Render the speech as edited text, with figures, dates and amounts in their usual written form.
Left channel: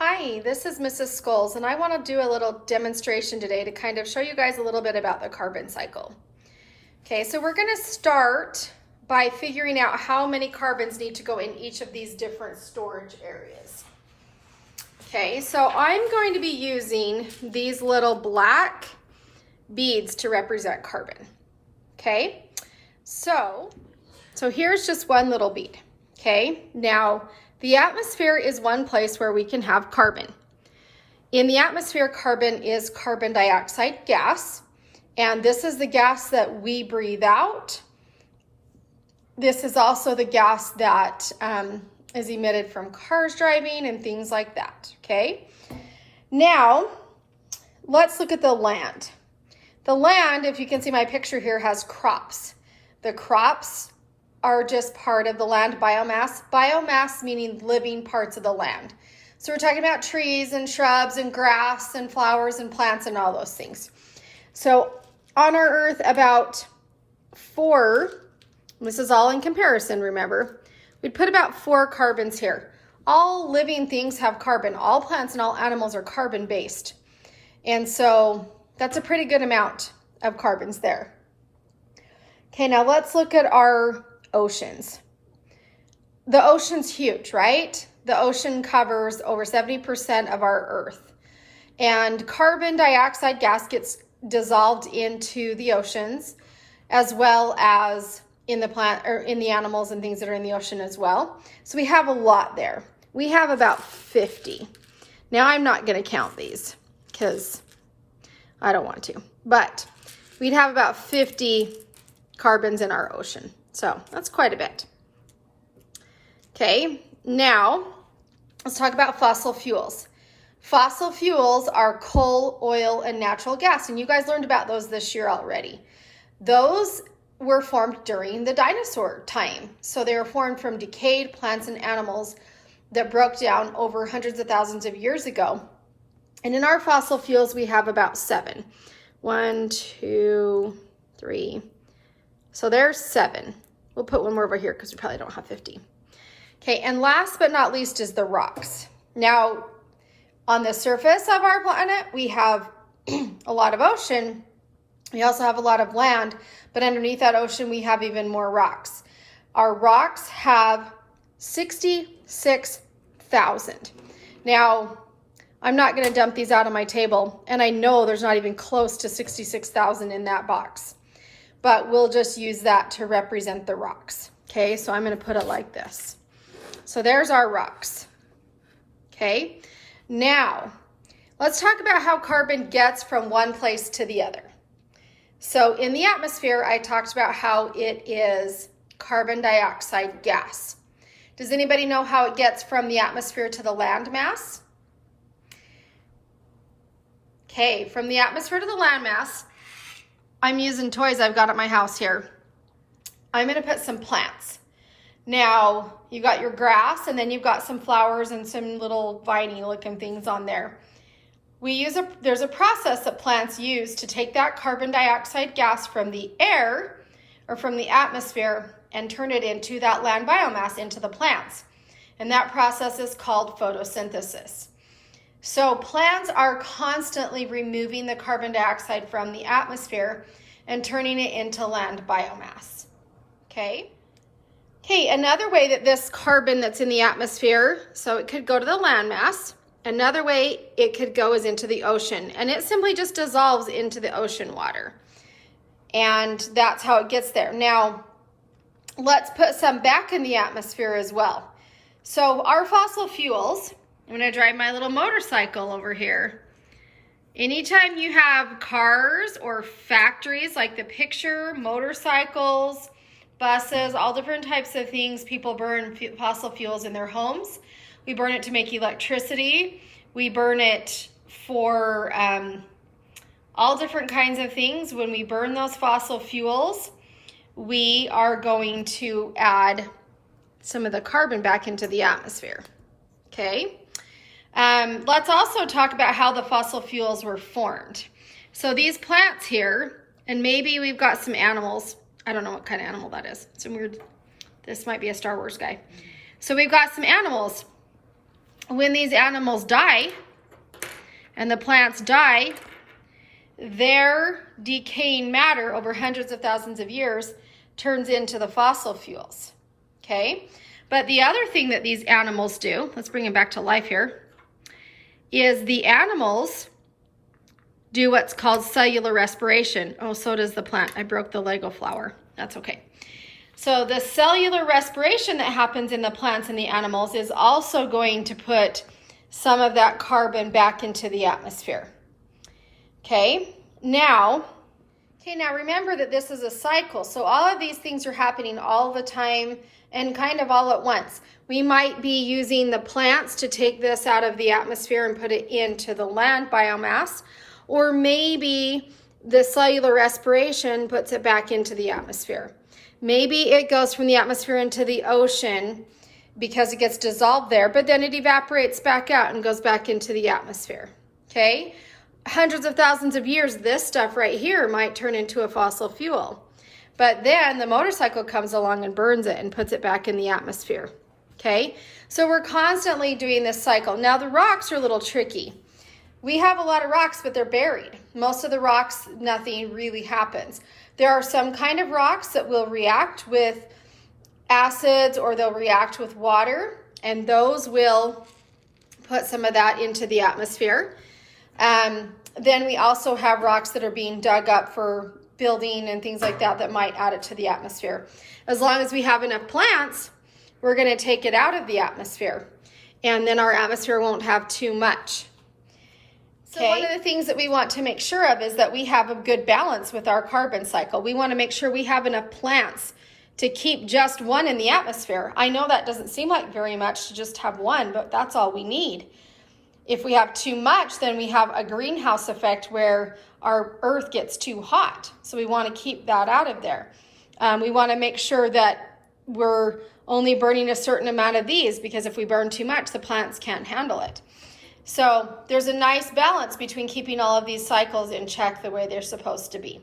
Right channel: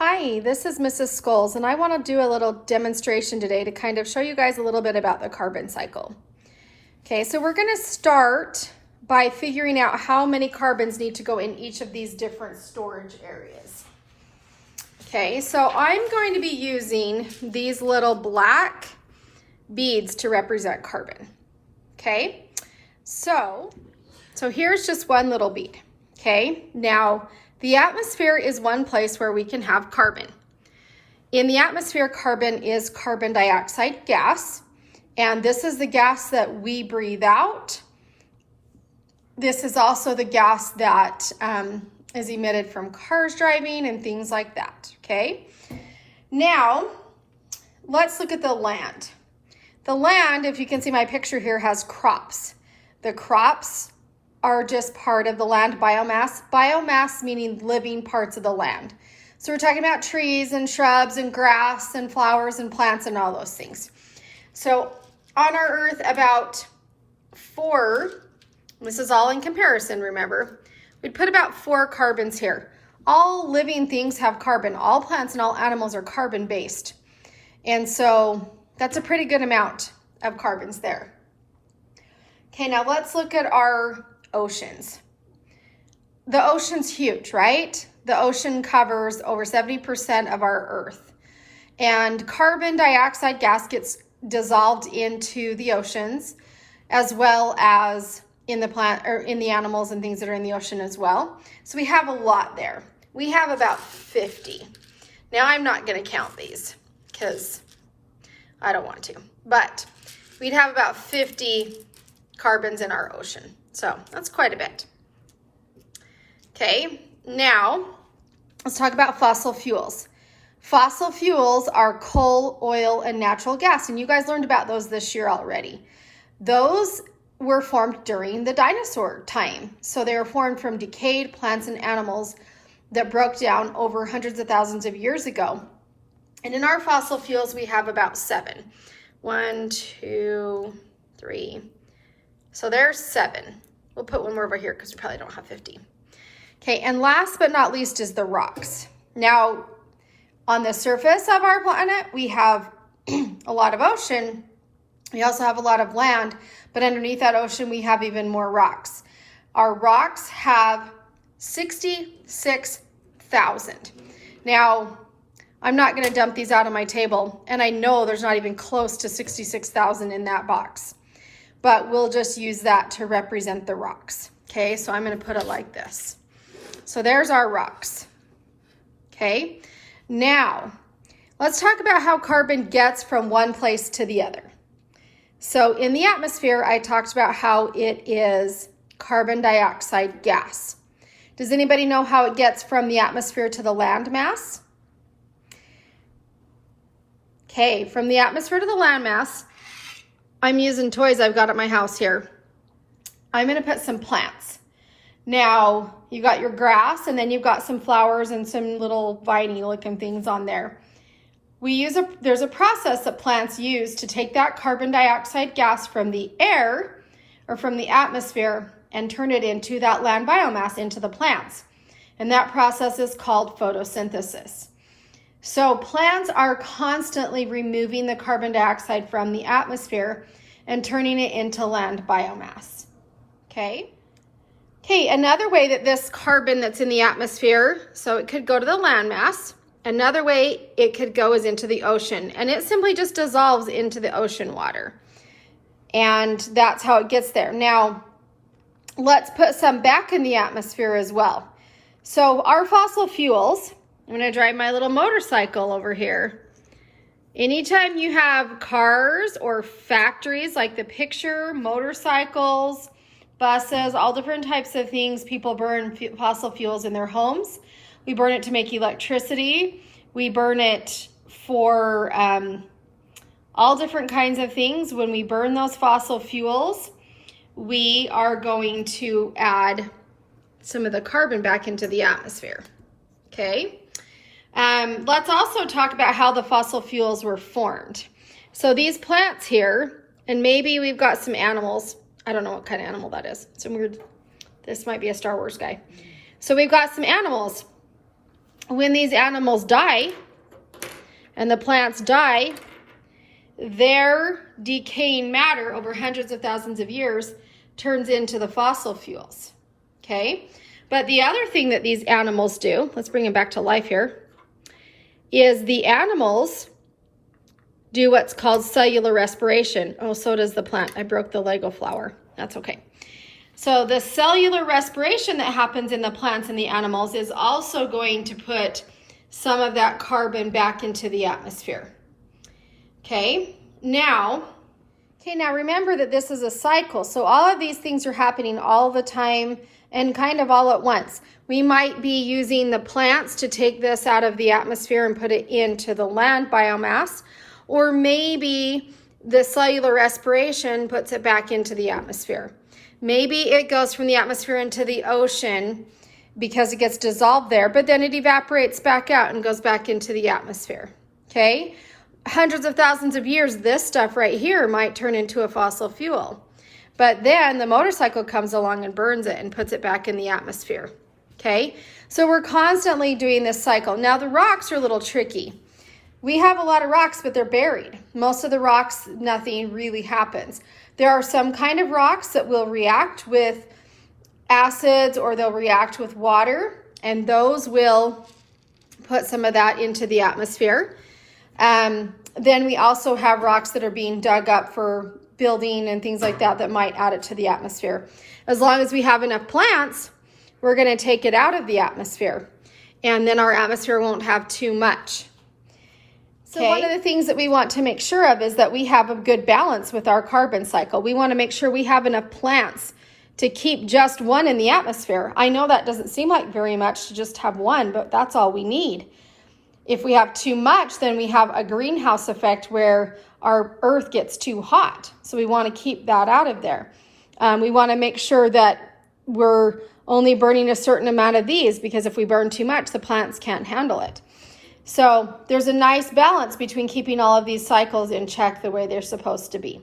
Hi, this is Mrs. Scholes, and I want to do a little demonstration today to kind of show you guys a little bit about the carbon cycle. Okay, so we're going to start by figuring out how many carbons need to go in each of these different storage areas. Okay, so I'm going to be using these little black beads to represent carbon. Okay, so here's just one little bead. Okay, now the atmosphere is one place where we can have carbon. In the atmosphere, carbon is carbon dioxide gas, and this is the gas that we breathe out. This is also the gas that is emitted from cars driving and things like that, okay? Now, let's look at the land. The land, if you can see my picture here, has crops. The crops are just part of the land biomass. Biomass meaning living parts of the land. So we're talking about trees and shrubs and grass and flowers and plants and all those things. So on our earth, about this is all in comparison, remember, we'd put about 4 carbons here. All living things have carbon. All plants and all animals are carbon based. And so that's a pretty good amount of carbons there. Okay, now let's look at our oceans. The ocean's huge, right? The ocean covers over 70% of our earth. And carbon dioxide gas gets dissolved into the oceans as well as in the plant or in the animals and things that are in the ocean as well. So we have a lot there. We have about 50. Now I'm not going to count these because I don't want to, but we'd have about 50 carbons in our ocean. So that's quite a bit. Okay, now let's talk about fossil fuels. Fossil fuels are coal, oil, and natural gas, and you guys learned about those this year already. Those were formed during the dinosaur time. So they were formed from decayed plants and animals that broke down over hundreds of thousands of years ago. And in our fossil fuels, we have about 7. 1, 2, 3. So there's 7. We'll put one more over here because we probably don't have 50. Okay, and last but not least is the rocks. Now, on the surface of our planet, we have a lot of ocean. We also have a lot of land, but underneath that ocean, we have even more rocks. Our rocks have 66,000. Now, I'm not going to dump these out on my table, and I know there's not even close to 66,000 in that box. But we'll just use that to represent the rocks. Okay, so I'm going to put it like this. So there's our rocks. Okay, now let's talk about how carbon gets from one place to the other. So in the atmosphere, I talked about how it is carbon dioxide gas. Does anybody know how it gets from the atmosphere to the land mass? Okay, from the atmosphere to the land mass, I'm using toys I've got at my house here. I'm going to put some plants. Now, you got your grass, and then you've got some flowers and some little viney looking things on there. There's a process that plants use to take that carbon dioxide gas from the air or from the atmosphere and turn it into that land biomass into the plants. And that process is called photosynthesis. So plants are constantly removing the carbon dioxide from the atmosphere and turning it into land biomass. Okay, another way that this carbon that's in the atmosphere, so it could go to the land mass. Another way it could go is into the ocean, and it simply just dissolves into the ocean water. And that's how it gets there. Now, let's put some back in the atmosphere as well. So our fossil fuels, I'm going to drive my little motorcycle over here. Anytime you have cars or factories like the picture, motorcycles, buses, all different types of things, people burn fossil fuels in their homes. We burn it to make electricity. We burn it for all different kinds of things. When we burn those fossil fuels, we are going to add some of the carbon back into the atmosphere. Okay. Let's also talk about how the fossil fuels were formed. So these plants here, and maybe we've got some animals. I don't know what kind of animal that is. Some weird, this might be a Star Wars guy. So we've got some animals. when these animals die and the plants die, their decaying matter over hundreds of thousands of years turns into the fossil fuels, okay? But the other thing that these animals do, let's bring them back to life here, is the animals do what's called cellular respiration. Oh, so does the plant. I broke the Lego flower. That's okay. So the cellular respiration that happens in the plants and the animals is also going to put some of that carbon back into the atmosphere. Okay, now remember that this is a cycle. So all of these things are happening all the time and kind of all at once. We might be using the plants to take this out of the atmosphere and put it into the land biomass, or maybe the cellular respiration puts it back into the atmosphere. Maybe it goes from the atmosphere into the ocean because it gets dissolved there, but then it evaporates back out and goes back into the atmosphere, okay? Hundreds of thousands of years, this stuff right here might turn into a fossil fuel. But then the motorcycle comes along and burns it and puts it back in the atmosphere, okay? So we're constantly doing this cycle. Now the rocks are a little tricky. We have a lot of rocks, but they're buried. Most of the rocks, nothing really happens. There are some kind of rocks that will react with acids or they'll react with water, and those will put some of that into the atmosphere. Then we also have rocks that are being dug up for building and things like that that might add it to the atmosphere. As long as we have enough plants, we're going to take it out of the atmosphere, and then our atmosphere won't have too much. So one of the things that we want to make sure of is that we have a good balance with our carbon cycle. We want to make sure we have enough plants to keep just one in the atmosphere. I know that doesn't seem like very much to just have one, but that's all we need. If we have too much, then we have a greenhouse effect where our earth gets too hot. So we want to keep that out of there. We want to make sure that we're only burning a certain amount of these, because if we burn too much, the plants can't handle it. So there's a nice balance between keeping all of these cycles in check the way they're supposed to be.